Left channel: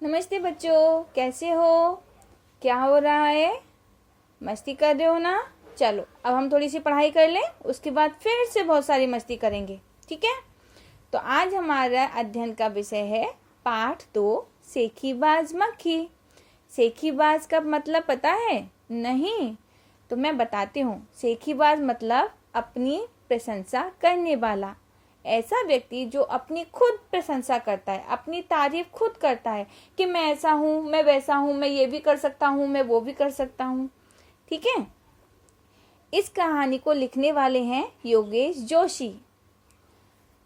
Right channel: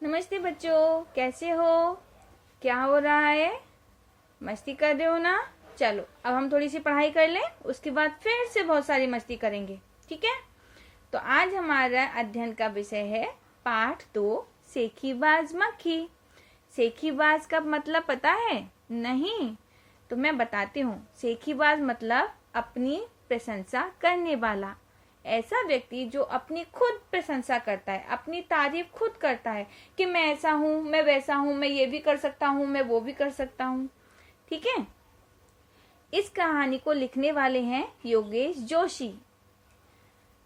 नमस्ते बच्चों, कैसे हो? क्या हो रहा है? मस्ती कर रहे हो ना? चलो अब हम थोड़ी सी पढ़ाई कर लें, उसके बाद फिर से बहुत सारी मस्ती करेंगे। ठीक है? तो आज हमारा अध्ययन का विषय है पाठ 2, सेखीबाज मक्खी। सेखीबाज का मतलब पता है? नहीं तो मैं बताती हूँ। सेखीबाज मतलब अपनी प्रशंसा करने वाला, ऐसा व्यक्ति जो अपनी खुद प्रशंसा करता है, अपनी तारीफ खुद करता है कि मैं ऐसा हूँ, मैं वैसा हूँ, मैं ये भी कर सकता हूँ, मैं वो भी कर सकता हूँ। ठीक है? इस कहानी को लिखने वाले हैं योगेश जोशी।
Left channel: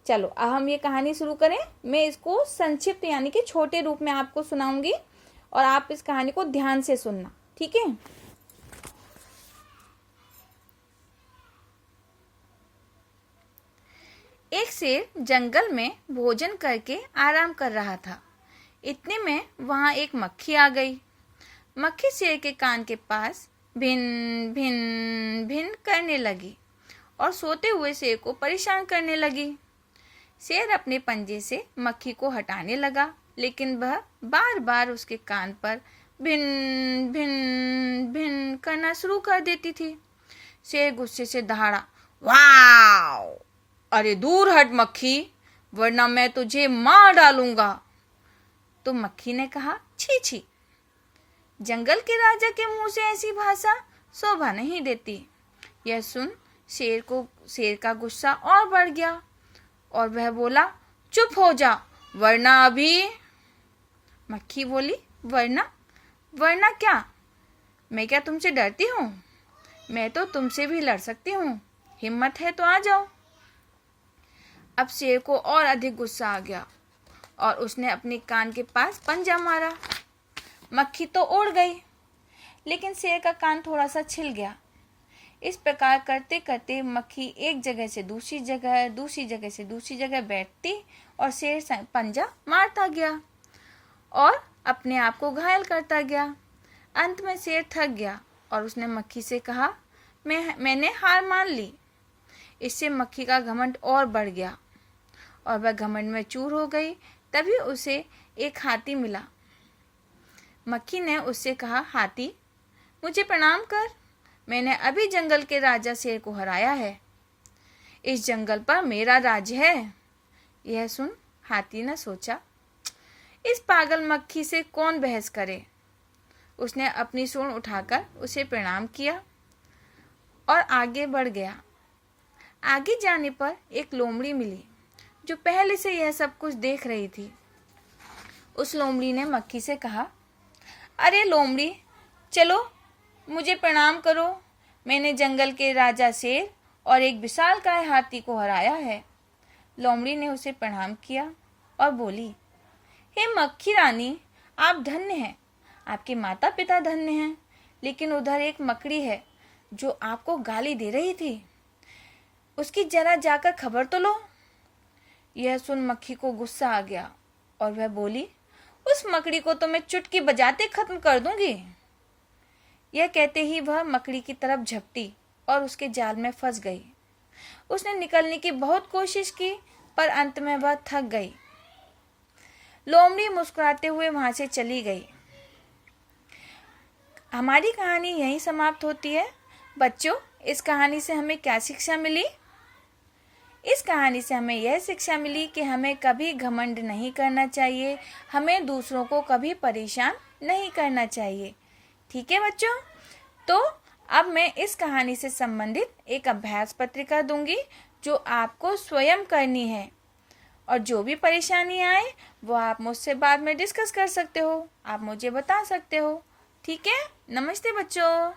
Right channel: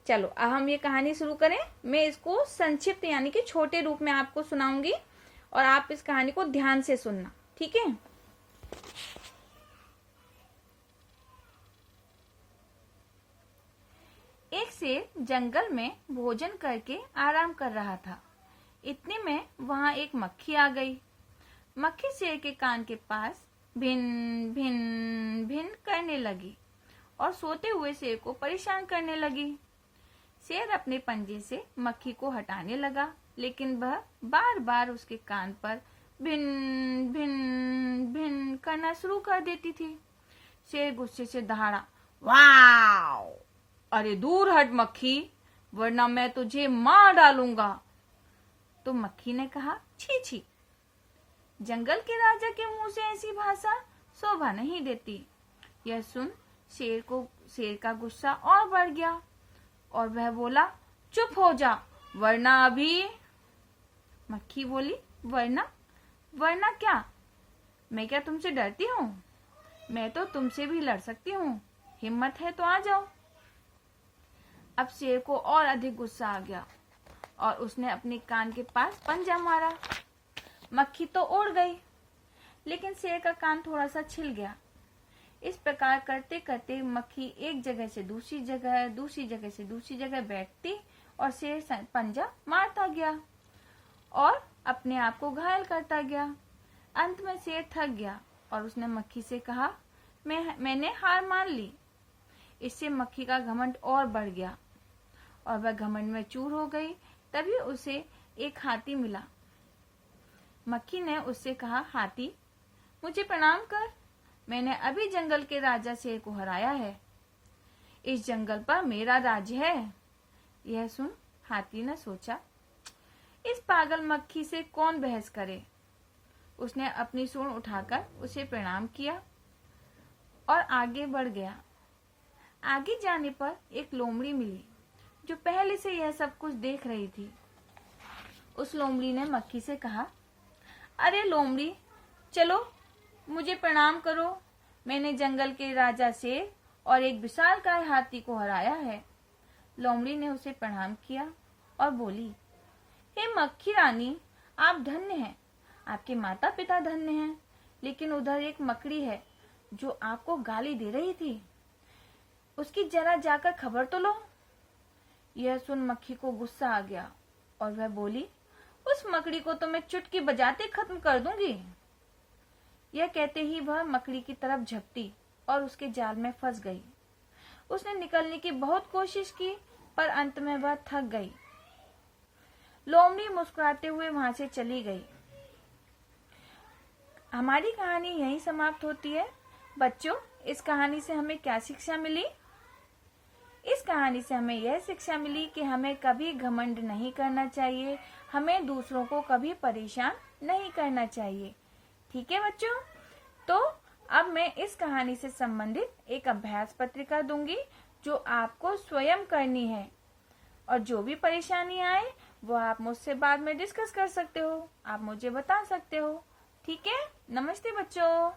चलो अब हम ये कहानी शुरू करें। मैं इसको संक्षिप्त यानी कि छोटे रूप में आपको सुनाऊंगी और आप इस कहानी को ध्यान से सुनना। ठीक है? एक शेर जंगल में भोजन करके आराम कर रहा था। इतने में वहां एक मक्खी आ गई। मक्खी शेर के कान के पास भिन भिन भिन करने लगी और सोते हुए शेर को परेशान करने लगी। शेर अपने पंजे से मक्खी को हटाने लगा, लेकिन वह बार बार उसके कान पर भिन भिन भिन करना शुरू कर देती थी। शेर गुस्से से दहाड़ा, वाह! अरे दूर हट मक्खी, वरना मैं तुझे मार डालूंगा। तो मक्खी ने कहा, छी छी, जंगल के राजा के मुंह से ऐसी भाषा शोभा नहीं देती। यह सुन शेर का गुस्सा और बढ़ गया और वह बोला, चुप हो जा, वरना अभी। मक्खी बोली, वरना? वरना क्या? मैं क्या तुमसे डरती हूँ? मैं तो तुमसे भी लड़ सकती हूँ। हिम्मत है तो आ जाओ। अब शेर को और अधिक गुस्सा आ गया और उसने अपने कान के पास पंजा मारा। मक्खी तो उड़ गई, लेकिन शेर का कान थोड़ा सा छिल गया। इस प्रकार करते करते मक्खी एक जगह से दूसरी जगह, दूसरी जगह से दूसरी जगह बैठती और शेर पंजा मारता गया और अपने आप को घायल करता गया। अंत में शेर थक गया और उसने मक्खी से कहा, मैंने हार मान ली। इससे मक्खी का घमंड और बढ़ गया और वह घमंड में चूर हो गई। तभी उसे एक हाथी मिला। मक्खी ने उससे कहा, हाथी, मुझे प्रणाम कर, मैंने अभी जंगल के राजा शेर को हराया है। इस जंगल पर मेरा राज्य है। यह सुन हाथी ने सोचा, इस पागल मक्खी से कौन बहस करे। उसने अपनी सूंड उठाकर उसे प्रणाम किया और आगे बढ़ गया। आगे जाने पर एक लोमड़ी मिली जो पहले से यह सब कुछ देख रही थी। उस लोमड़ी ने मक्खी से कहा, अरे लोमड़ी, चलो मुझे प्रणाम करो, मैंने जंगल के राजा शेर और एक विशालकाय हाथी को हराया है। लोमड़ी ने उसे प्रणाम किया और बोली, हे मक्खी रानी, आप धन्य हैं, आपके माता पिता धन्य हैं, लेकिन उधर एक मकड़ी है जो आपको गाली दे रही थी, उसकी जरा जाकर खबर तो लो। यह सुन मक्खी को गुस्सा आ गया और वह बोली, उस मकड़ी को तो मैं चुटकी बजाते खत्म कर दूंगी। यह कहते ही वह मकड़ी की तरफ झपटी और उसके जाल में फंस गई। उसने निकलने की बहुत कोशिश की, पर अंत में वह थक गई। लोमड़ी मुस्कुराते हुए वहां से चली गई। हमारी कहानी यहीं समाप्त होती है। बच्चों, इस कहानी से हमें क्या शिक्षा मिली? इस कहानी से हमें यह शिक्षा मिली कि हमें कभी घमंड नहीं करना चाहिए, हमें दूसरों को कभी परेशान नहीं करना चाहिए। ठीक है बच्चों? तो अब मैं इस कहानी से संबंधित एक अभ्यास पत्रिका दूंगी जो आपको स्वयं करनी है, और जो भी परेशानी आए वो आप मुझसे बाद में डिस्कस कर सकते हो, आप मुझे बता सकते हो। ठीक है? नमस्ते बच्चों।